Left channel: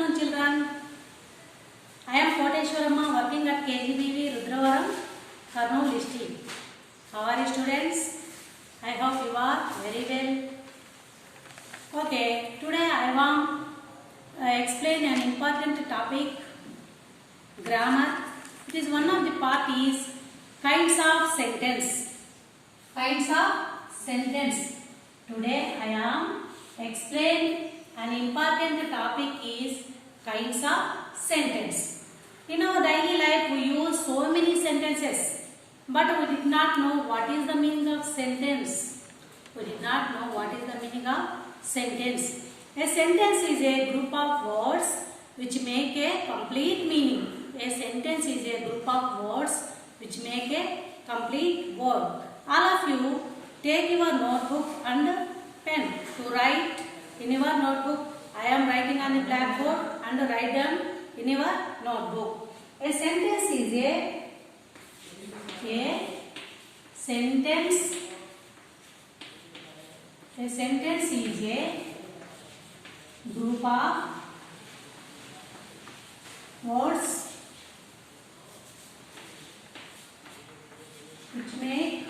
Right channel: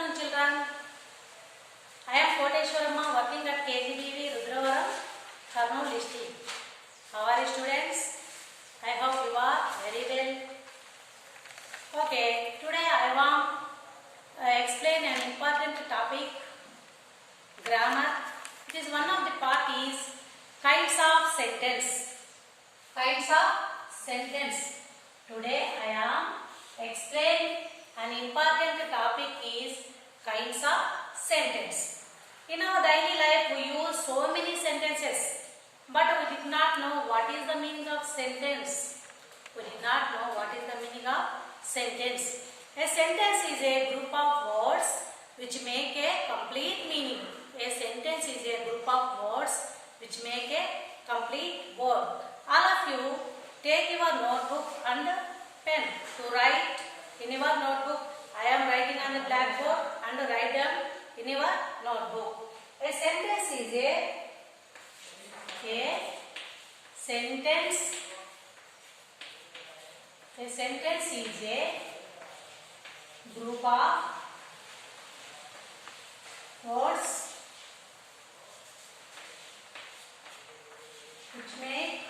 afternoon, children. I am Koteshwaramma working at KGBV Rudravaram, Kurnool district. How are you, students? I hope you are very well. Okay, today I want to explain an important topic, grammar. It is one of the parties, kinds of sentence. Kinds of sentence. Today I am explain an important topic is kinds of sentence. In our daily life we use so many sentences, but we did not know what is the meaning of sentence. We did not know what is the meaning of sentence. A sentence is a group of words which make a complete meaning. A sentence is a group of words which make a complete word. All of you take your notebook and pen to write in your notebook. I am writing on the blackboard and write them in your notebook. A sentence is a sentence. A sentence is a group of words which make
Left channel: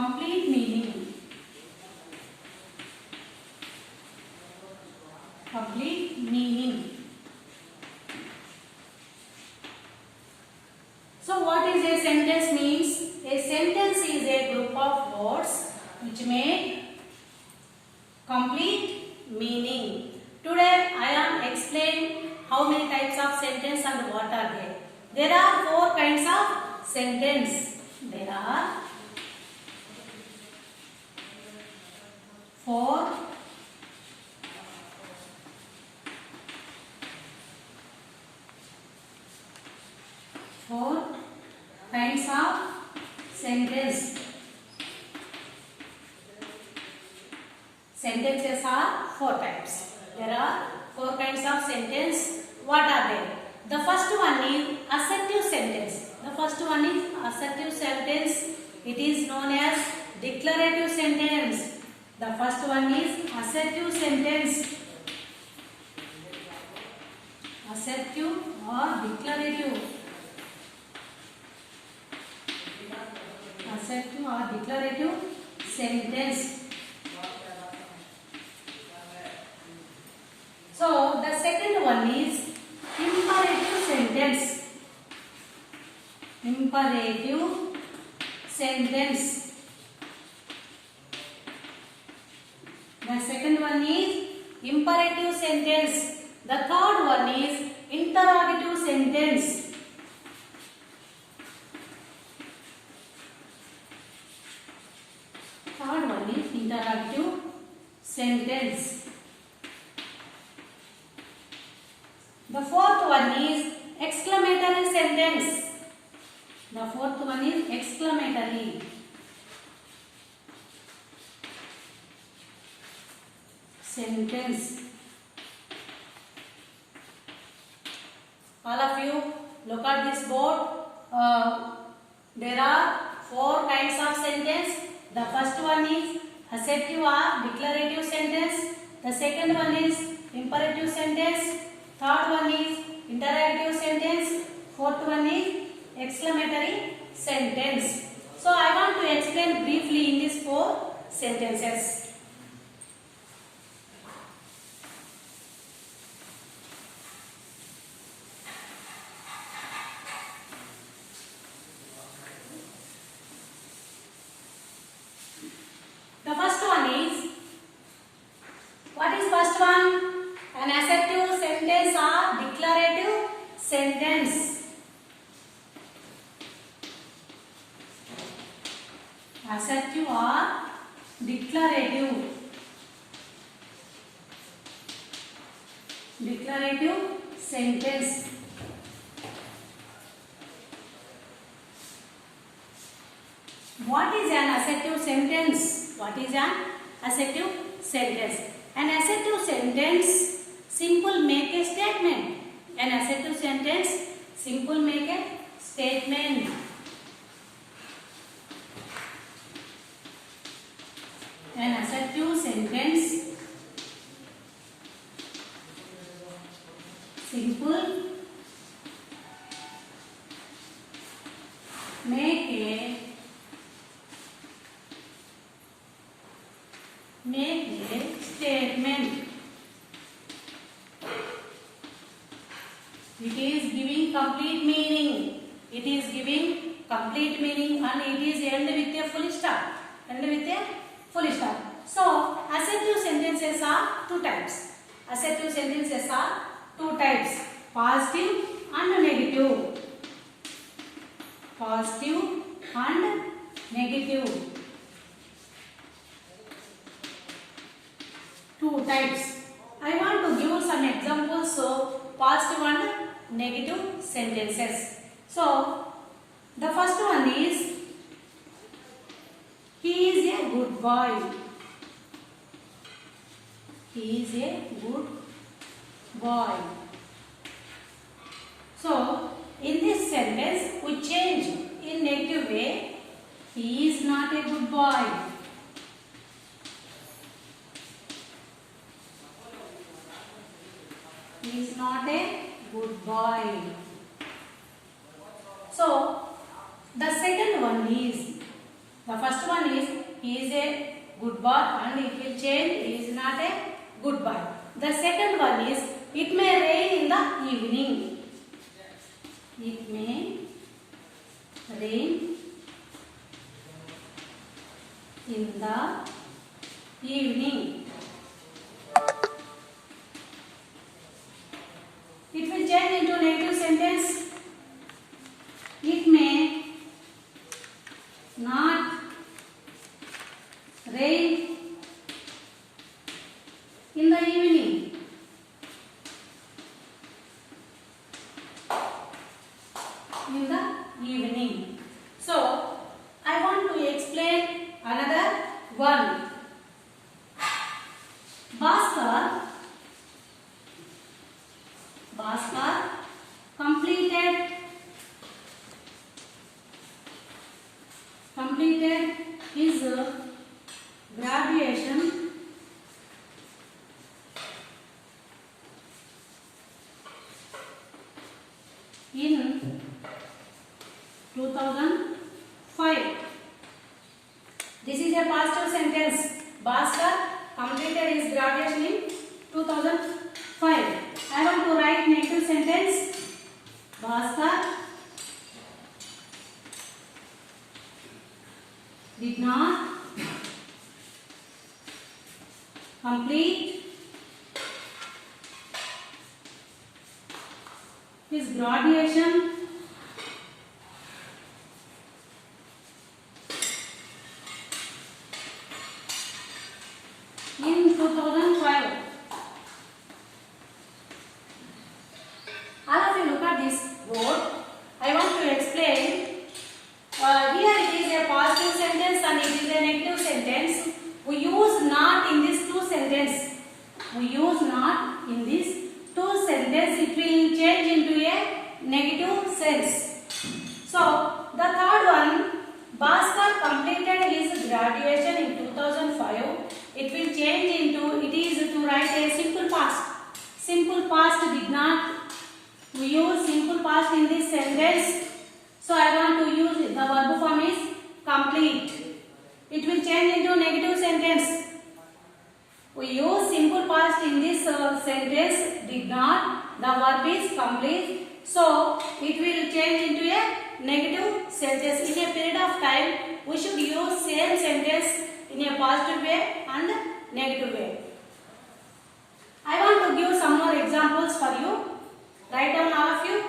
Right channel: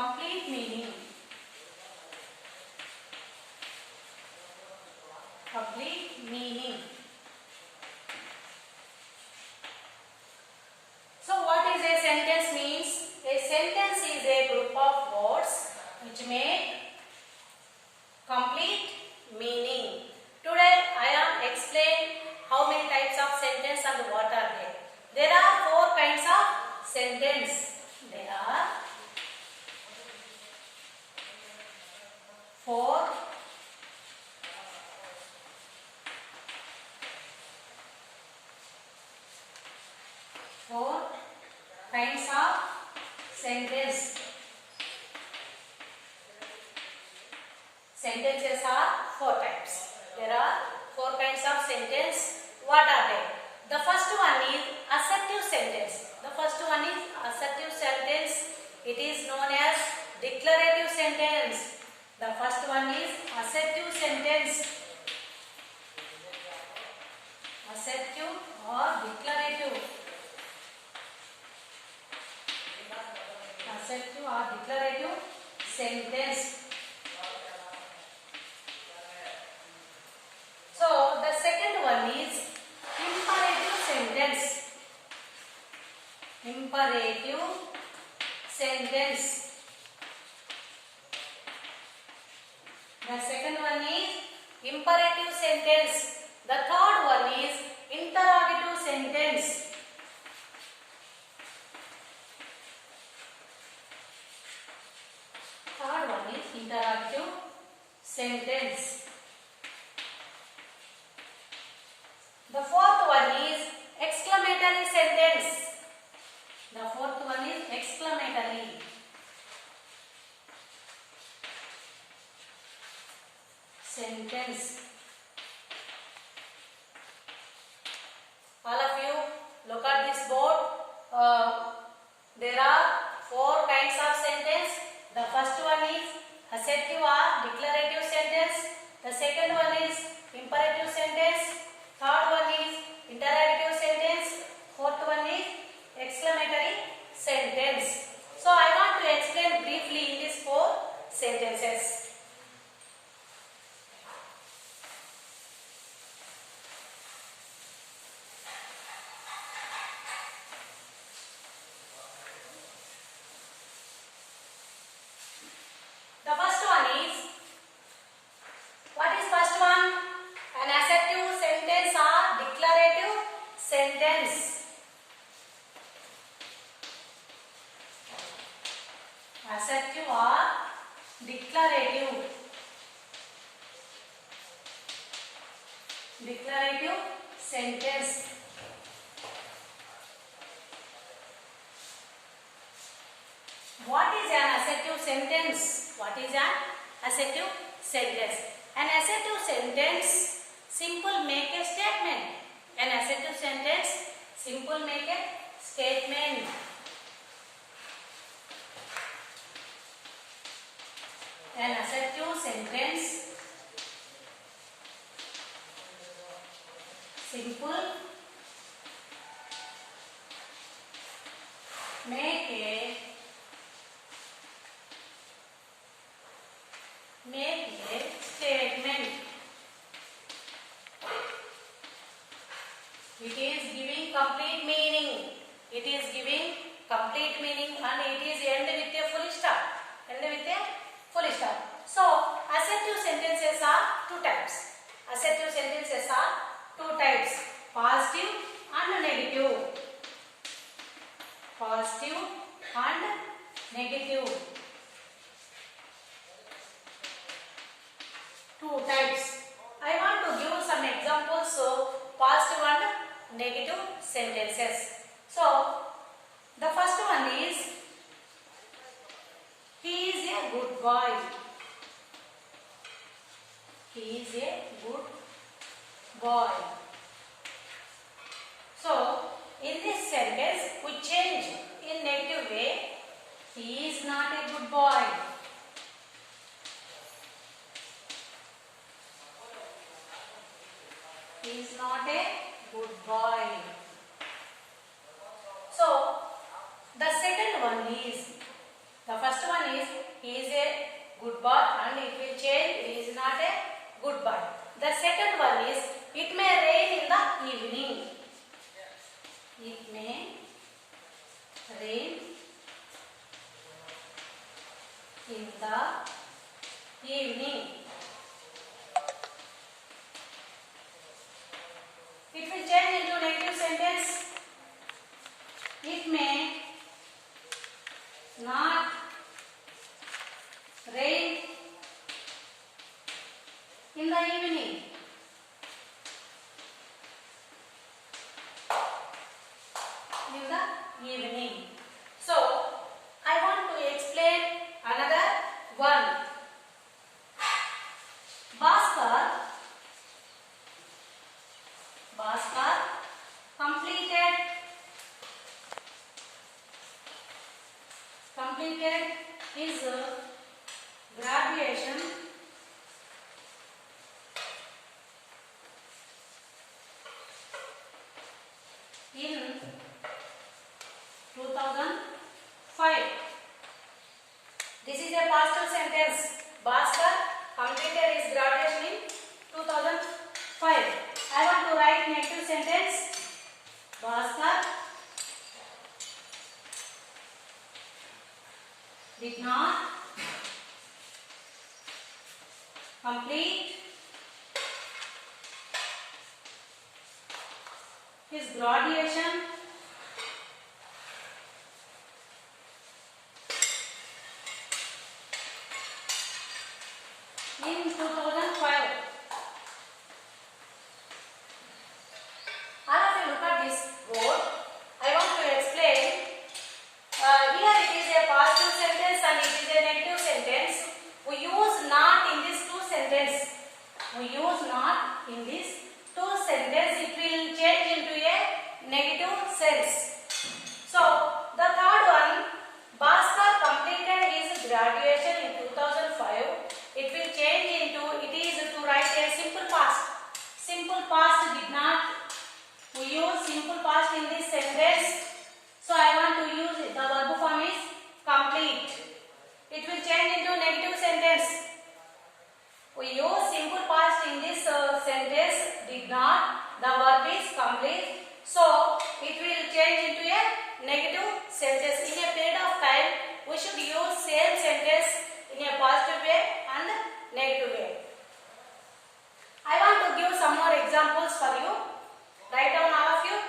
complete meaning. Complete meaning. So what is a sentence means? A sentence is a group of words which make complete meaning. Today I am explain how many types of sentence and what are they. There are 4 kinds of sentence. There are 4 kinds of sentence. Sentences are 4 types. There are 4 kinds of sentence. What are they? The first one is assertive sentence. The first one is assertive sentence. It is known as declarative sentence. The first one is assertive sentence. Assertive or declarative. Assertive or declarative sentence. So the second one is imperative sentence. Imperative sentence. The second one is imperative sentence. The third one is interrogative sentence. Third one is interrogative sentence. The fourth one is exclamatory sentence. The fourth one is exclamatory sentence. All of you look at this board. There are 4 kinds of sentence. The first one is assertive or declarative sentence. The second one is imperative sentence. Third one is interrogative sentence. Fourth one is exclamatory sentence. So I want to explain briefly in these 4 sentences. The first one is, what is first one? An assertive sentence or declarative sentence. Assertive or declarative. Declarative sentence. What is an assertive sentence? What is an assertive sentence? An assertive sentence simple make a statement. An assertive sentence simple make a statement. make a statement. It is giving complete meaning. It is giving complete meaning and it is end with a full stop. End with a full stop. So, assertive sentences are two types. Assertive sentences are two types. Positive and negative. Positive and negative. Two types. I want to give some examples of positive and negative sentences. So, the first one is, he is a good boy. He is a good boy. So, in this sentence, we change in negative way. He is not a good boy. He is not a good boy. So, the second one is, the first one is, he is a good boy and it will change, he is not a good boy. The second one is, it may rain in the evening. It may rain in the evening. It will change into negative sentence. It may not rain in the evening. In the evening. So, I want to explain another one. Bhaskar completed his graduation in 2005. This is a past sentence. Bhaskar completed his graduation in 2005. I want to write negative sentence. Bhaskar did not complete his graduation in 2005. All of you look at this board. I want to explain. Here it is a positive sentence and it is a negative sentence. We use not in these two sentences. We use not in these two sentences. It will change into a negative sense. So, the third one, Bhaskar completed his graduation in 2005. It will change into, it is to write a simple past. Simple past did not. We use simple past in this sentence. So, I want to use the verb form is complete. It will change into negative sentence. We use simple past in this sentence did not. The verb is complete. So, it will change into a negative sentence. In a period of time, we should use same sentence in a positive way and negative way. I want to give some more examples for you. Write down all of you.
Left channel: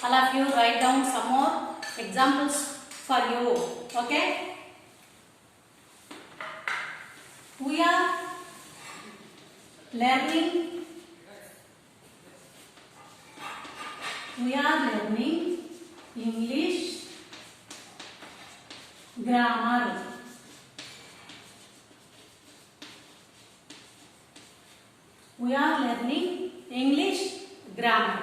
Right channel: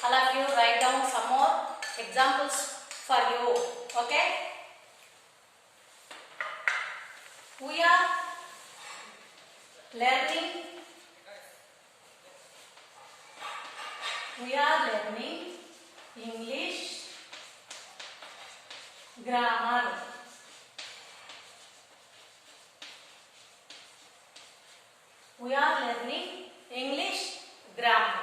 All of you write down some more examples for you. Okay? We are learning English grammar. We are learning English grammar.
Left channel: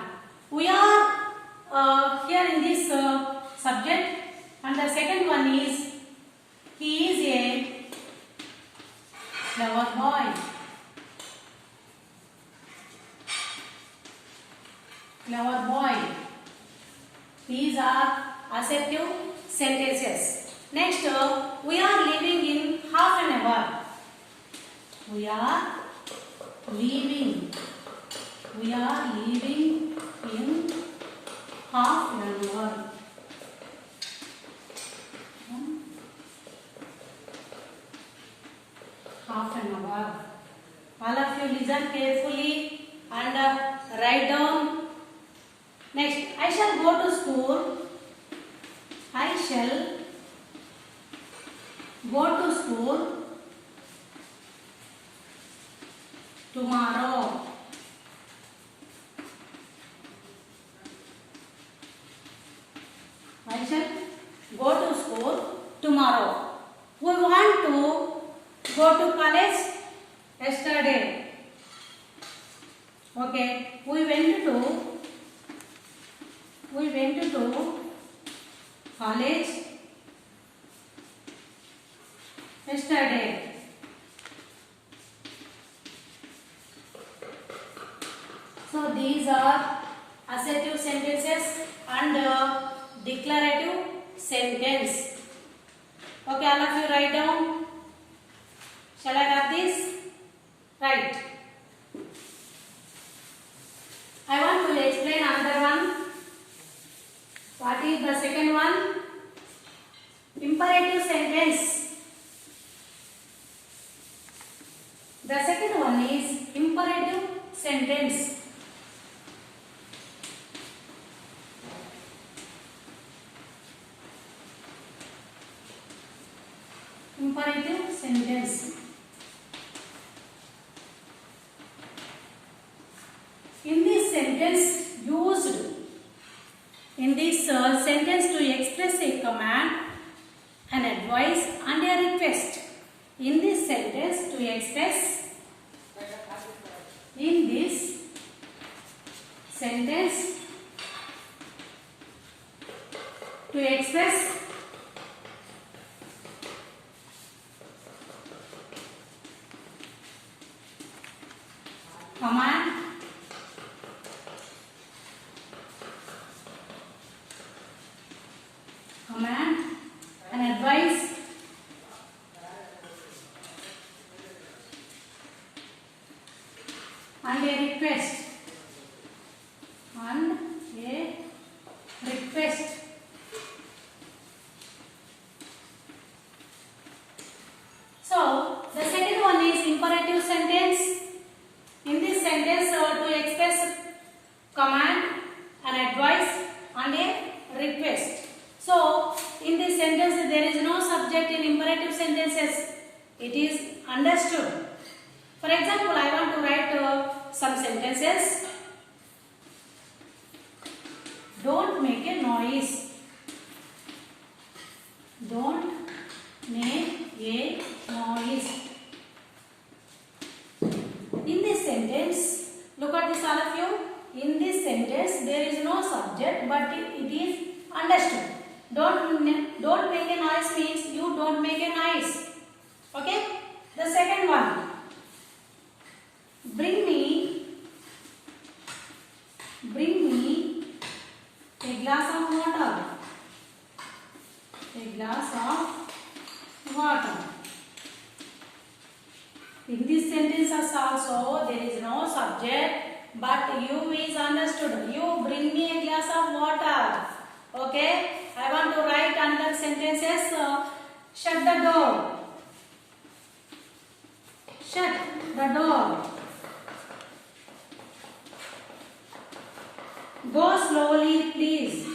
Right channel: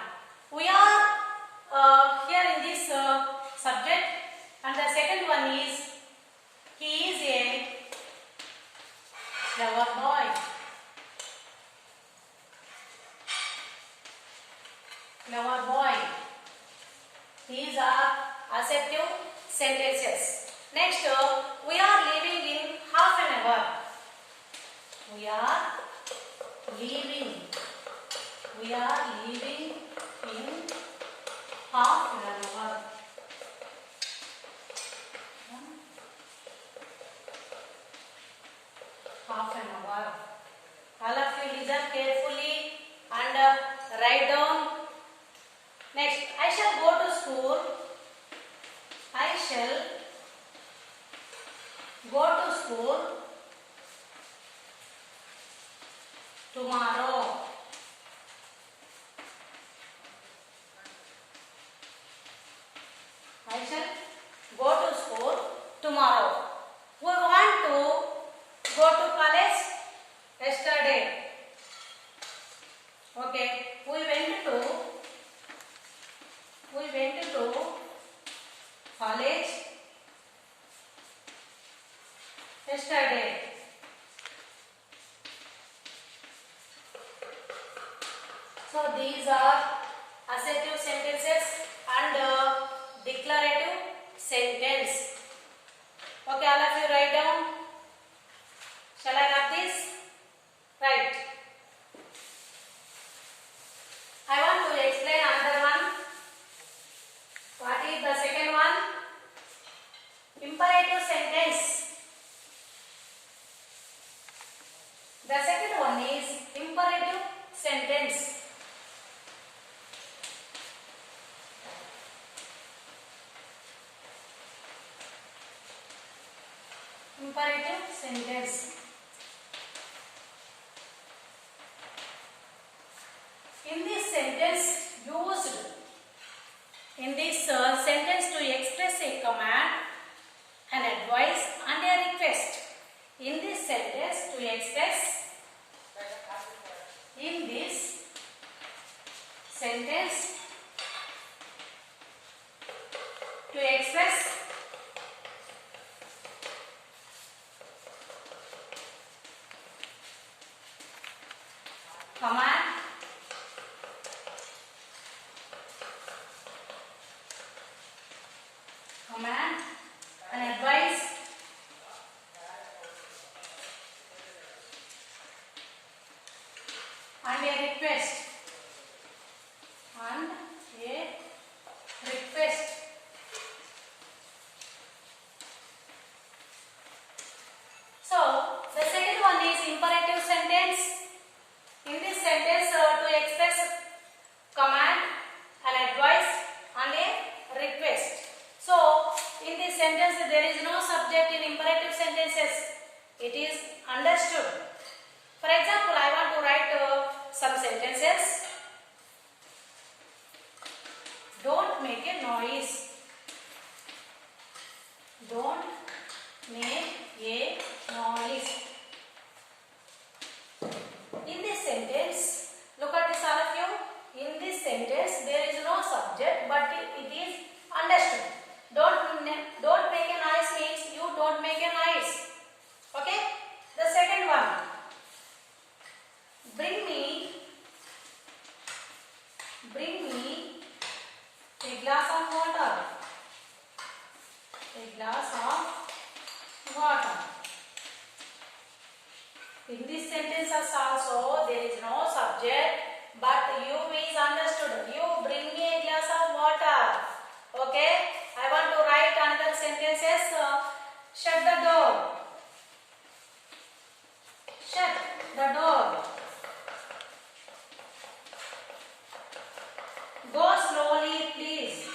We are here in this subject, and the second one is he is a clever boy. Clever boy. These are assertive sentences. Next, we are leaving in half an hour. We are leaving. We are leaving in half an hour. Half an hour. All of you listen carefully and write down. Next, I shall go to school. I shall go to school tomorrow. I shall go to school tomorrow. We want to go to college yesterday. Okay, we went to college yesterday. So these are assertive sentences and declarative sentence. Okay, all of you write down. Shall I write this? Right. I want to explain another one. What is the second one? Imperative sentence. The second one is imperative sentence. Imperative sentence. In this sentence to express a command, an advice and a request. In this sentence to express command, an advice and a request. So the second one is imperative sentence. In this sentence to express command, an advice and a request. So in this sentence there is no subject in imperative sentences. It is understood. For example, I want to write some sentences. Don't make a noise. Don't make a noise. In this sentence, look at this all of you. In this sentence, there is no subject, but it is understood. Don't make a noise means you don't make a noise. Okay? The second one. Bring me a glass of water. A glass of water. In this sentence also there is no subject, but you is understood. You bring me a glass of water. Okay? I want to write another sentences. Shut the door. Shut the door. Go slowly, please.